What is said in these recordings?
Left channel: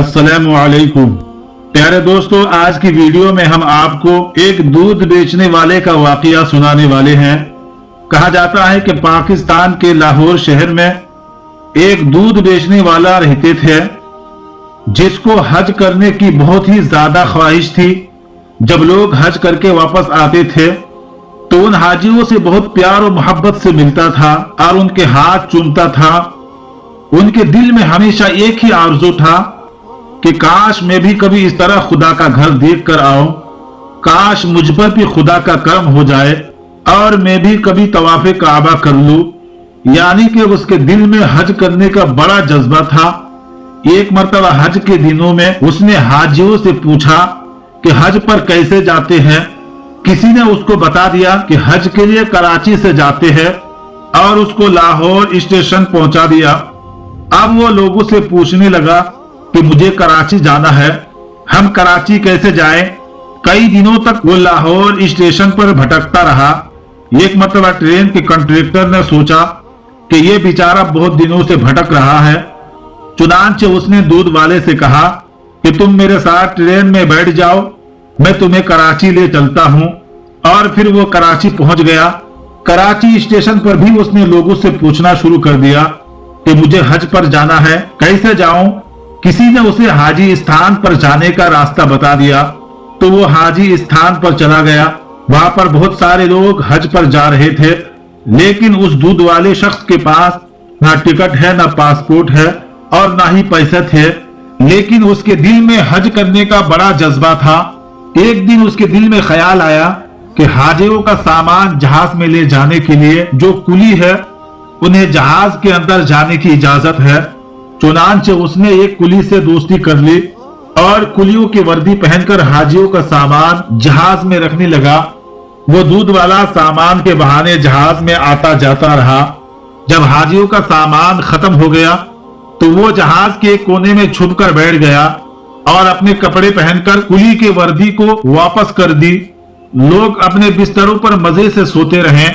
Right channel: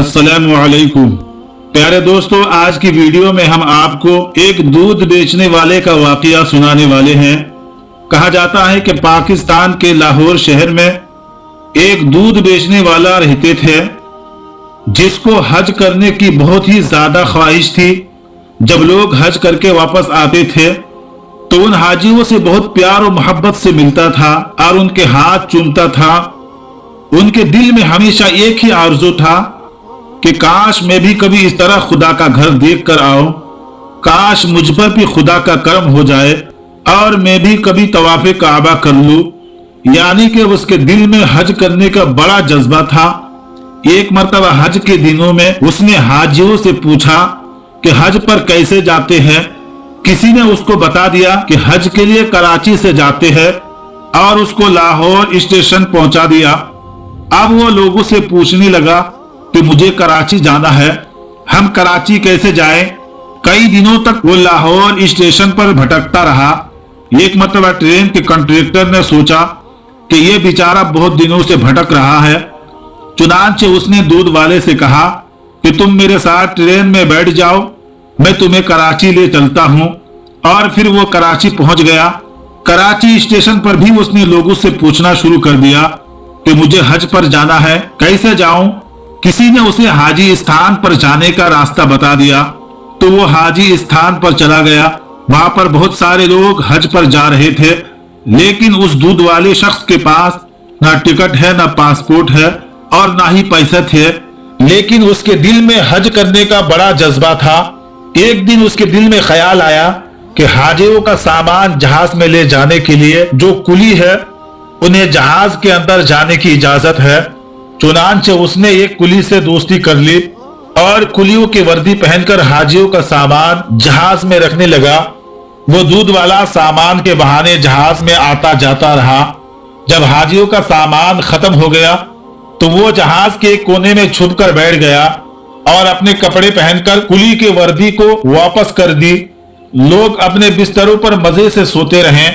अस्सलामु अलैकुम। प्यारे दोस्तों, आज की वीडियो में हम आपको एक दूध बेचने वाले का वाकया सुनाने वाले हैं। कहा जाता है कि पाकिस्तान के लाहौर शहर में एक दूध बेचने वाला रहते थे जिसको हज करने की बहुत ही ज्यादा ख्वाहिश थी। जब लोग हज करके वापस आते थे तो उन हाजियों से बहुत प्यार और मोहब्बत से मिलता था और उनके हाथ चूमता था। उनके दिल में हमेशा एक ही आरज़ू था कि काश मैं भी कभी इस तरह खुदा का घर देख कर आऊं, काश मुझ पर भी खुदा का करम हो जाए और मैं भी कभी तवाफ़े काबा कर लूं। यानी कि उसके दिल में हज करने का बड़ा जज्बा था। एक मर्तबा हज के दिनों में उसने हाजियों से पूछा कि हज पर कैसे जाते हैं। किसी ने उसको बता दिया कि हज के लिए कराची से जाते हैं और उसको लाहौर स्टेशन पहुंचा दिया। अब वो लोगों से पूछने लगा कि मुझे कराची जाना है, हम कराची कैसे जाएं? कई दिनों तक वो लाहौर स्टेशन पर भटकता रहा। एक मर्तबा ट्रेन के कंडक्टर ने सोचा कि ये बेचारा बहुत दिनों से भटक रहा है। चुनांचे उसने दूध वाले से कहा कि तुम मेरे साथ ट्रेन में बैठ जाओ, मैं तुम्हें कराची ले चलता हूँ। और फिर वो कराची पहुंच गया। कराची स्टेशन पर भी उसने लोगों से पूछना शुरू कर दिया कि मुझे हज पर जाना है, कैसे जाऊं? किसी ने उसे हाजी स्थान पर जाने का रास्ता बता दिया तो वो हाजी स्थान पर चला गया। वहां पर बहुत सारे लोग हज पर जा रहे थे, लेकिन उस दूध वाले शख्स के पास ना टिकट है, ना पासपोर्ट है और ना ही पैसे थे। लेकिन उसके दिल में हज करने का बड़ा जज्बा था। एक दिन उसके दिल में ख्याल आया कि हाजियों का सामान जहाज में ले जाने के लिए जो कुली है उन्हें जहाज के अंदर जाने की इजाजत है। चुनांचे उसने एक कुली से दोस्ती कर ली और कुलियों की वर्दी पहनकर हाजियों का सामान जहाज में रखने लगा। वो दूध वाला सामान के बहाने जहाज में आता जाता रहा। जब हाजियों का सामान खत्म हो गया तो वो जहाज के कोने में छुप कर बैठ गया और अपने कपड़े पहनकर कुली के वर्दी को वापस कर दी। लोग अपने बिस्तरों पर मजे से सोते रहे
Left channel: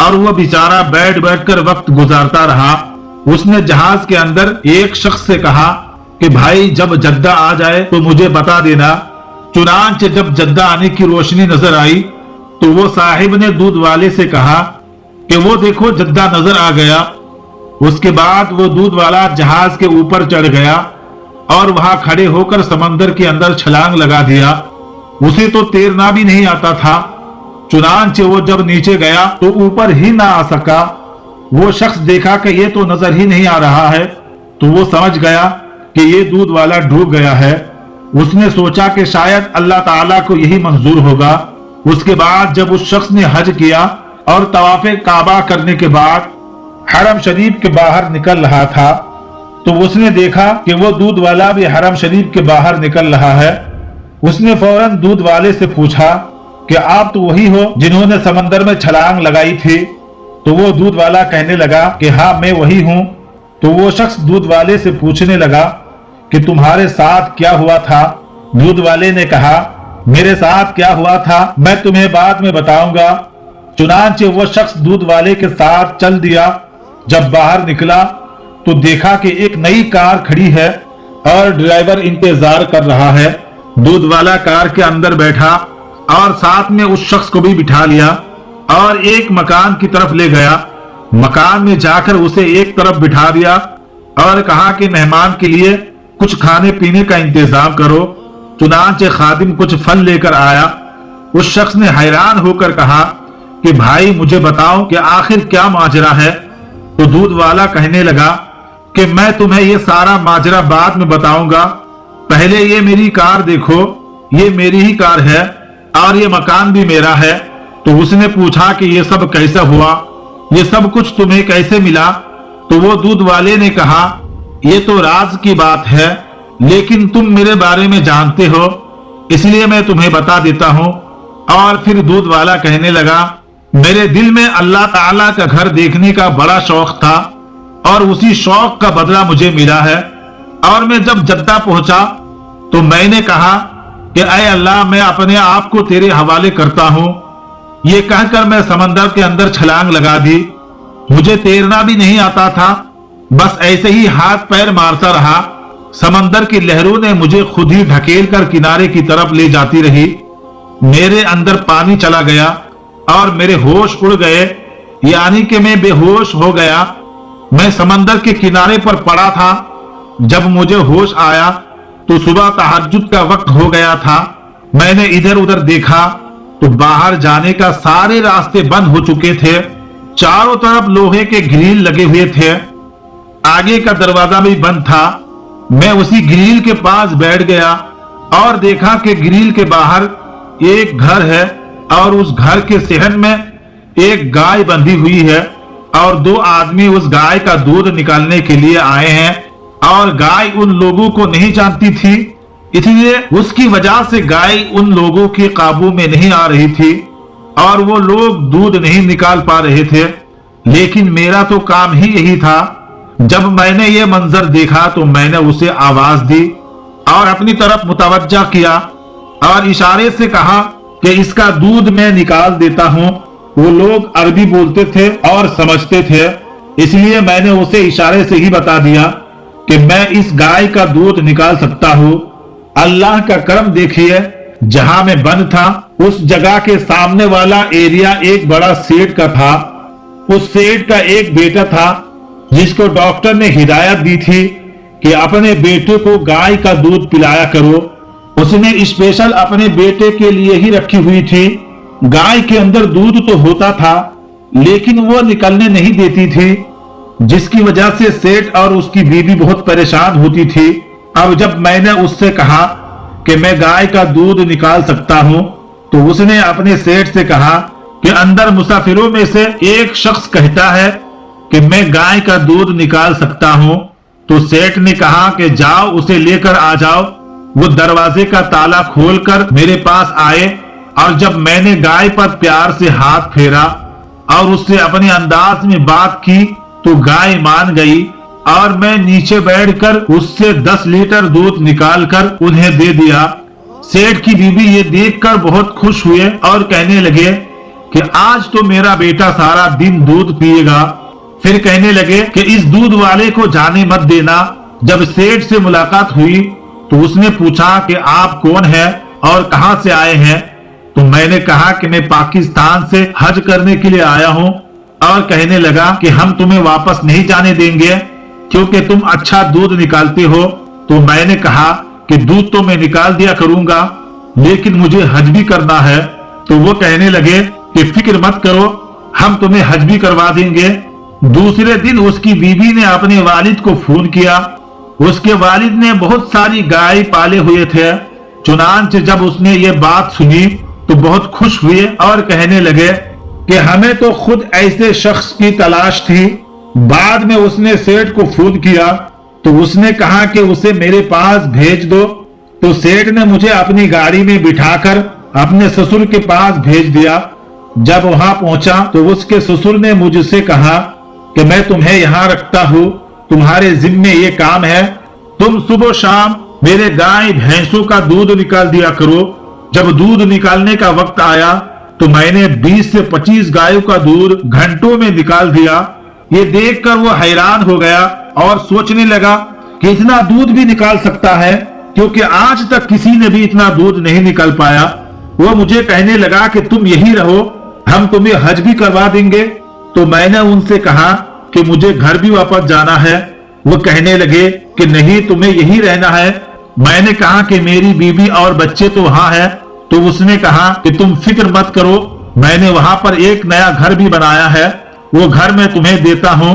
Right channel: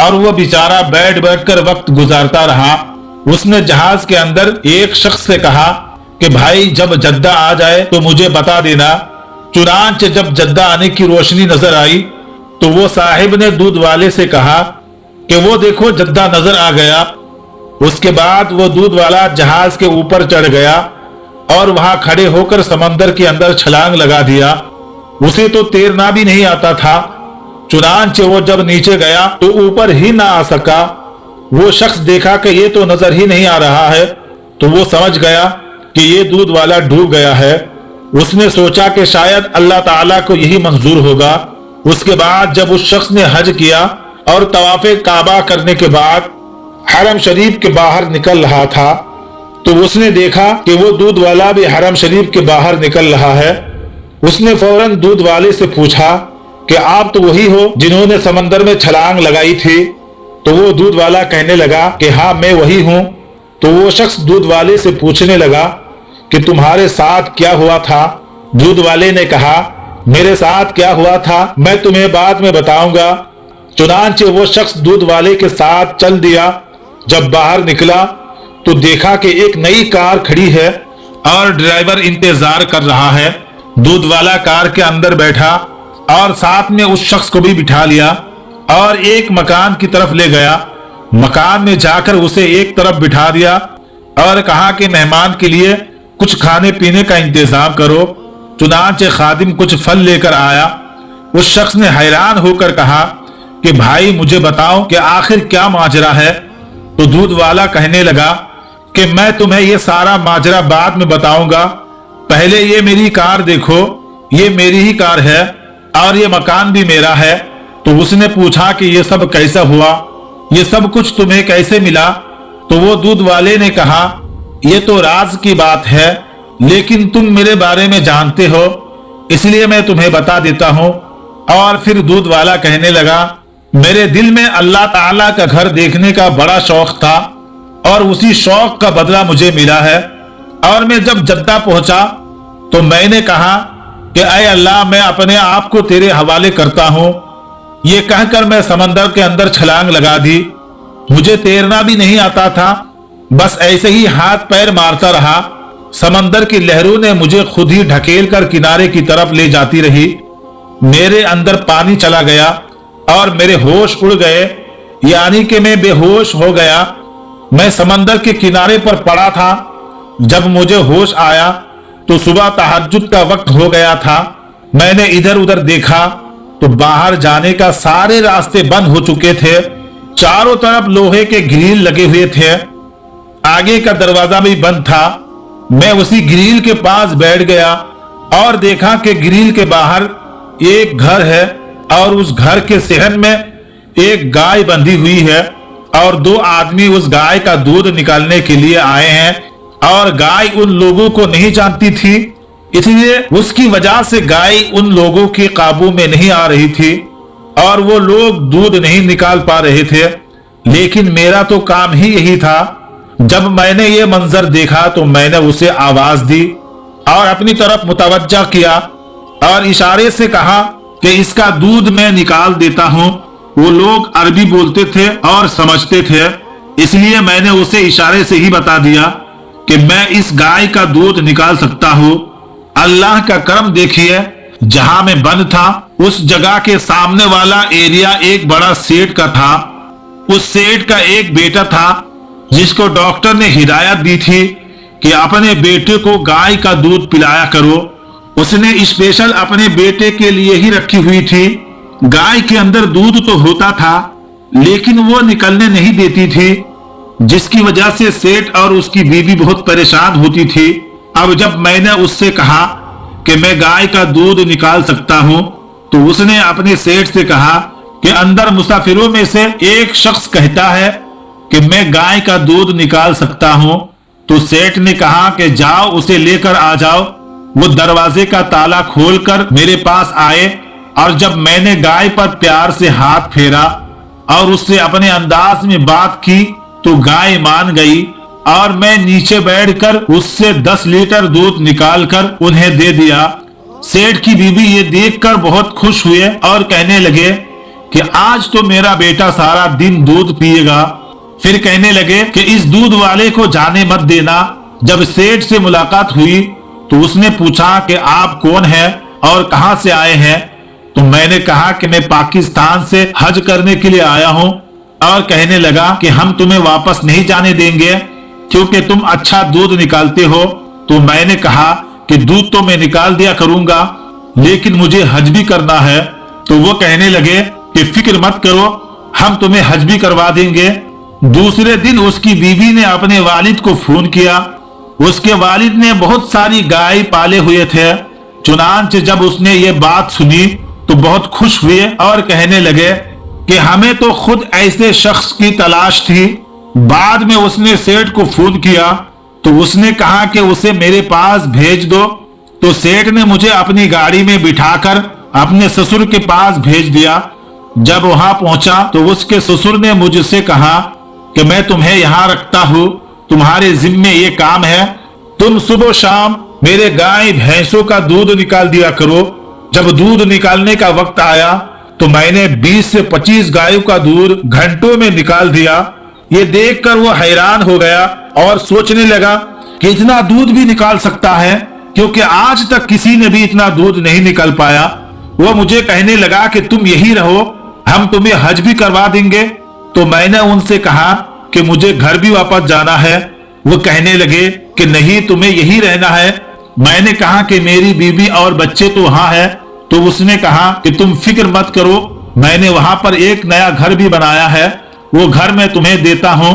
और वह बेचारा बैठ बैठ कर वक्त गुजारता रहा। उसने जहाज के अंदर एक शख्स से कहा कि भाई जब जद्दा आ जाए तो मुझे बता देना। चुनांचे जब जद्दा आने की रोशनी नजर आई तो वो साहिब ने दूध वाले से कहा कि वो देखो जद्दा नजर आ गया। उसके बाद वो दूध वाला जहाज के ऊपर चढ़ गया और वहां खड़े होकर समंदर के अंदर छलांग लगा दिया। उसे तो तैरना भी नहीं आता था। चुनांचे वो जब नीचे गया तो ऊपर ही ना आ सका। वो शख्स देखा कि ये तो नजर ही नहीं आ रहा है तो वो समझ गया कि ये दूध वाला डूब गया है। उसने सोचा कि शायद अल्लाह ताला को यही मंजूर होगा। उसके बाद जब उस शख्स ने हज किया और तवाफ़े काबा करने के बाद हरम शरीफ के बाहर निकल रहा था तो उसने देखा कि वो दूध वाला भी हरम शरीफ के बाहर निकल रहा है। उसने फौरन दूध वाले से पूछा कि आप तो वही हो जिन्होंने समंदर में छलांग लगाई थी? तो वो दूध वाला कहने लगा कि हाँ मैं वही हूँ। तो वो शख्स दूध वाले से पूछने लगा कि तुम्हारे साथ क्या हुआ था? दूध वाले ने कहा मेरे साथ क्या हुआ था मैं तुम्हें बाद में बताऊंगा। चुनांचे वो शख्स दूध वाले के साथ चल दिया। जब बाहर निकला तो देखा कि एक नई कार खड़ी है और ड्राइवर इंतजार कर रहा है। दूध वाला कार के अंदर बैठा और साथ में उस शख्स को भी बिठा लिया और एक मकान की तरफ ले गया। मकान में जाकर उसे एक तरफ बिठा दिया और कहा कि मेहमान के लिए कुछ खाने पीने का इंतजाम करो। चुनांचे खादिम कुछ फल लेकर आया। उस शख्स ने हैरान होकर कहा कि भाई मुझे बताओ कि आखिर क्या माजरा है? तो दूध वाला कहने लगा कि मैं तुम्हें ये सारा माजरा बाद में बताऊंगा, पहले ये मेरी कार देखो, ये मेरी ही कार है और ये मकान भी मेरा है। तो उसने पूछा कि ये सब कैसा हुआ, ये सब कुछ तुम्हें कैसे मिला? तो वो दूध वाले ने कहा ये तो राज की बात है, लेकिन तुम मेरे बारे में जानते हो इसलिए मैं तुम्हें बता देता हूँ। और फिर दूध वाला कहने लगा मेरे दिल में अल्लाह ताला का घर देखने का बड़ा शौक था और उसी शौक का बदला मुझे मिला है। और मैं जब जद्दा पहुंचा तो मैंने कहा कि ऐ अल्लाह मैं अपने आप को तेरे हवाले करता हूँ। ये कहकर मैं समंदर के अंदर छलांग लगा दी। मुझे तैरना भी नहीं आता था, बस ऐसे ही हाथ पैर मारता रहा समंदर की लहरों ने मुझे खुद ही ढकेल कर किनारे की तरफ ले जाती रही। मेरे अंदर पानी चला गया और मेरे होश उड़ गए, यानी कि मैं बेहोश हो गया। मैं समंदर के किनारे पर पड़ा था। जब मुझे होश आया तो सुबह तहज्जुद का वक्त हो गया था। मैंने इधर उधर देखा तो बाहर जाने का सारे रास्ते बंद हो चुके थे। चारों तरफ लोहे के ग्रिल लगे हुए थे। आगे का दरवाजा भी बंद था। मैं उसी ग्रिल के पास बैठ गया और देखा कि ग्रिल के बाहर एक घर है और उस घर के सहन में एक गाय बंधी हुई है और दो आदमी उस गाय का दूध निकालने के लिए आए हैं। और गाय उन लोगों को नहीं जानती थी, इसलिए उसकी वजह से गाय उन लोगों के काबू में नहीं आ रही थी और वो लोग दूध नहीं निकाल पा रहे थे। लेकिन मेरा तो काम ही यही था। जब मैंने ये मंजर देखा तो मैंने उसे आवाज दी और अपनी तरफ मुतवज्जा किया और इशारे से कहा कि इसका दूध मैं निकाल देता हूँ। वो लोग अरबी बोलते थे और समझते थे, इसलिए मैंने उसे इशारे से ही बता दिया कि मैं इस गाय का दूध निकाल सकता हूँ। अल्लाह का करम देखिए, जहां मैं बंद था उस जगह के सामने वाला एरिया एक बड़ा सेठ का था। उस सेठ का एक बेटा था जिसको डॉक्टर ने हिदायत दी थी कि अपने बेटे को गाय का दूध पिलाया करो। उसने स्पेशल अपने बेटे के लिए ही रखी हुई थी। गाय के अंदर दूध तो होता था लेकिन वो निकलने नहीं देती थी, जिसकी वजह से सेठ और उसकी बीवी बहुत परेशान होती थी। अब जब मैंने उससे कहा कि मैं गाय का दूध निकाल सकता हूँ तो उसने अपने सेठ से कहा कि अंदर मुसाफिरों में से एक शख्स कहता है कि मैं गाय का दूध निकाल सकता हूँ। तो सेठ ने कहा कि जाओ उसे लेकर आ जाओ। वो दरवाजे का ताला खोलकर मेरे पास आए और जब मैंने गाय पर प्यार से हाथ फेरा और उससे अपने अंदाज में बात की तो गाय मान गई और मैं नीचे बैठकर उससे 10 लीटर दूध निकालकर उन्हें दे दिया। सेठ की बीवी ये देखकर बहुत खुश हुए और कहने लगे कि आज तो मेरा बेटा सारा दिन दूध पिएगा। फिर कहने लगे कि इस दूध वाले को जाने मत देना। जब सेठ से मुलाकात हुई तो उसने पूछा कि आप कौन हैं और कहां से आए हैं। तो मैंने कहा कि मैं पाकिस्तान से हज करने के लिए आया हूं और कहने लगा कि हम तुम्हें वापस नहीं जाने देंगे क्योंकि तुम अच्छा दूध निकालते हो। तो मैंने कहा कि दूध तो मैं निकाल दिया करूंगा लेकिन मुझे हज भी करना है। तो वो कहने लगे कि फिक्र मत करो, हम तुम्हें हज भी करवा देंगे। दूसरे दिन उसकी बीवी ने अपने वालिद को फोन किया। उसके वालिद ने बहुत सारी गाय पाले हुए थे। चुनांचे जब उसने ये बात सुनी तो बहुत खुश हुए और कहने लगे कि हमें तो खुद ऐसे शख्स की तलाश थी। बाद में उसने सेठ को फोन किया तो उसने कहा कि उसे मेरे पास भेज दो। तो सेठ ने मुझे अपनी गाड़ी में बिठाकर अपने ससुर के पास भेज दिया। जब वहां पहुंचा तो उसके ससुर ने मुझसे कहा कि मैं तुम्हें यहाँ रखता हूँ, तुम्हारे जिम्मे ये काम है, तुम सुबह शाम मेरे गाय भैंसों का दूध निकाल दिया करो। जब दूध निकालने का वक्त आया तो मैंने 20 से 25 गायों का दूध घंटों में निकाल दिया। ये देखकर वो हैरान हो गया और सोचने लगा कि इतना दूध भी निकाल सकता है, क्योंकि आज तक किसी ने भी इतना दूध नहीं निकाल पाया। वो मुझे कहने लगा कि तुम यही रहो, हम तुम्हें हज भी करवा देंगे। तो मैंने उनसे कहा कि मुझे घर भी वापस जाना है। वो कहने लगे कि नहीं, तुम्हें यही रहना है। मैंने कहा कि मेरी बीवी और बच्चे तो वहां है। तो उसने कहा कि तुम फिक्र मत करो, मैंने वहां पर एक नया घर भी बनाया है, वो घर मैं तुम्हें देता हूँ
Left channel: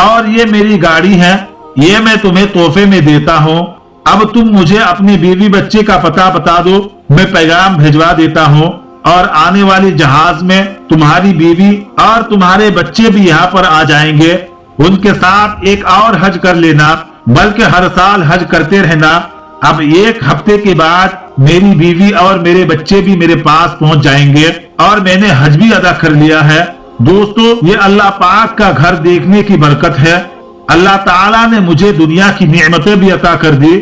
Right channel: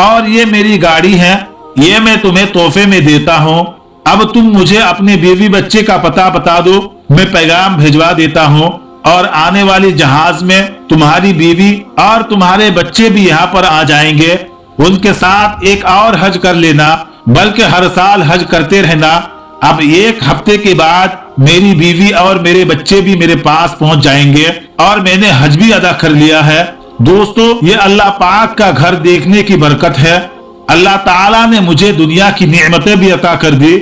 और ये मेरी गाड़ी है, ये मैं तुम्हें तोहफे में देता हूँ। अब तुम मुझे अपने बीवी बच्चे का पता बता दो, मैं पैगाम भिजवा देता हूँ और आने वाली जहाज में तुम्हारी बीवी और तुम्हारे बच्चे भी यहाँ पर आ जाएंगे। उनके साथ एक और हज कर लेना, बल्कि हर साल हज करते रहना। अब एक हफ्ते के बाद मेरी बीवी और मेरे बच्चे भी मेरे पास पहुंच जाएंगे और मैंने हज भी अदा कर लिया है। दोस्तों, ये अल्लाह पाक का घर देखने की बरकत है। अल्लाह ताला ने मुझे दुनिया की नेमतें भी अता कर दी।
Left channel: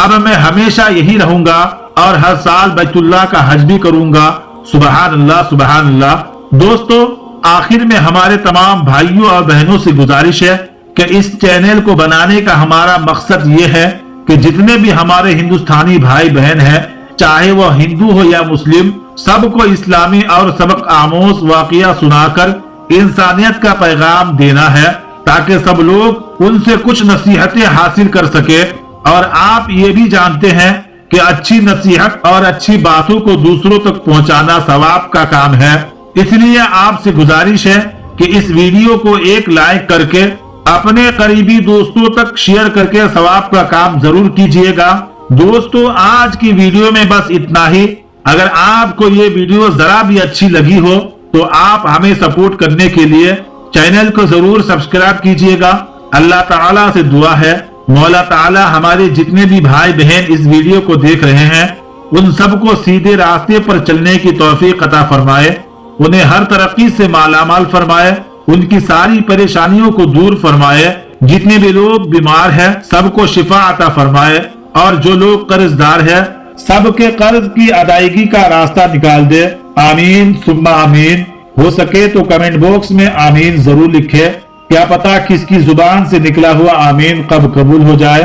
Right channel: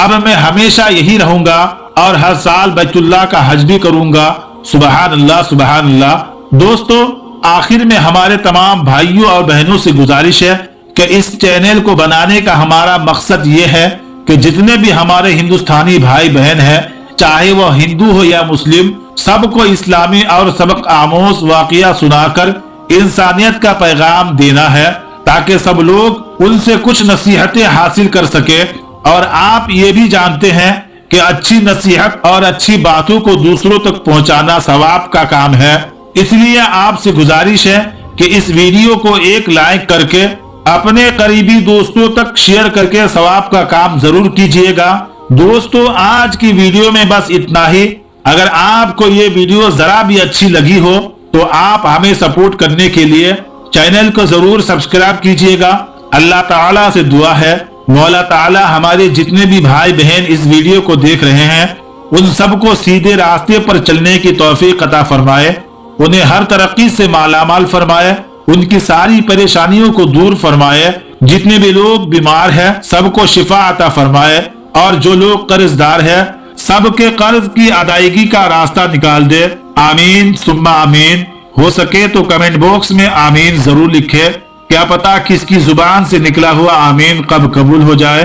अब मैं हमेशा यही रहूंगा और हर साल बैतुल्लाह का हज भी करूंगा। सुबहान अल्लाह, सुबहान अल्लाह। दोस्तों, आखिर में हमारे तमाम भाइयों और बहनों से गुजारिश है कि इस चैनल को बनाने का हमारा मकसद ये है कि जितने भी हमारे हिंदुस्तानी भाई बहन हैं, चाहे वो हिंदू हो या मुस्लिम, सबको इस्लामी और सबक आमोज वाकया सुनाकर इंसानियत का पैगाम देना है, ताकि सब लोग उनसे कुछ नसीहतें हासिल कर सके। और आप ये भी जानते हैं कि अच्छी नसीहत और अच्छी बातों को दूसरों तक पहुंचाना सवाब का काम है। इसलिए आपसे गुजारिश है कि इस वीडियो को एक लाइक करके अपने करीबी दोस्तों तक शेयर करके सवाब का काम जरूर कीजिएगा। दोस्तों, आज की वीडियो में बस इतना ही। अगर आपको ये वीडियो जरा भी अच्छी लगी हो तो आप हमें सपोर्ट करने के लिए चैनल को जरूर सब्सक्राइब कीजिएगा। अल्लाह ताला से दुआ है, मौला ताला हमारे जितने भी भाई बहन इस वीडियो को देख रहे हैं उन सबको सीधे रास्ते पर चलने की तौफीक अता फरमाए, उन्हें हर तरक्की से मालामाल फरमाए, उनकी सारी परेशानियों को दूर फरमाए। जितने भी लोग बीमार हैं सबको शिफा अता फरमाए, और जो लोग कर्जदार हैं सबके कर्ज की अदायगी का रास्ता निकाल दे। आमीन सुम्मा आमीन। हो सके तो कमेंट बॉक्स में आमीन जरूर लिखे, क्या पता किसकी जुबान से निकला हुआ आमीन कब कबूल हो जाए।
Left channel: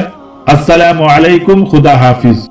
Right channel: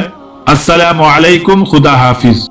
अस्सलामु अलैकुम, खुदा हाफिज।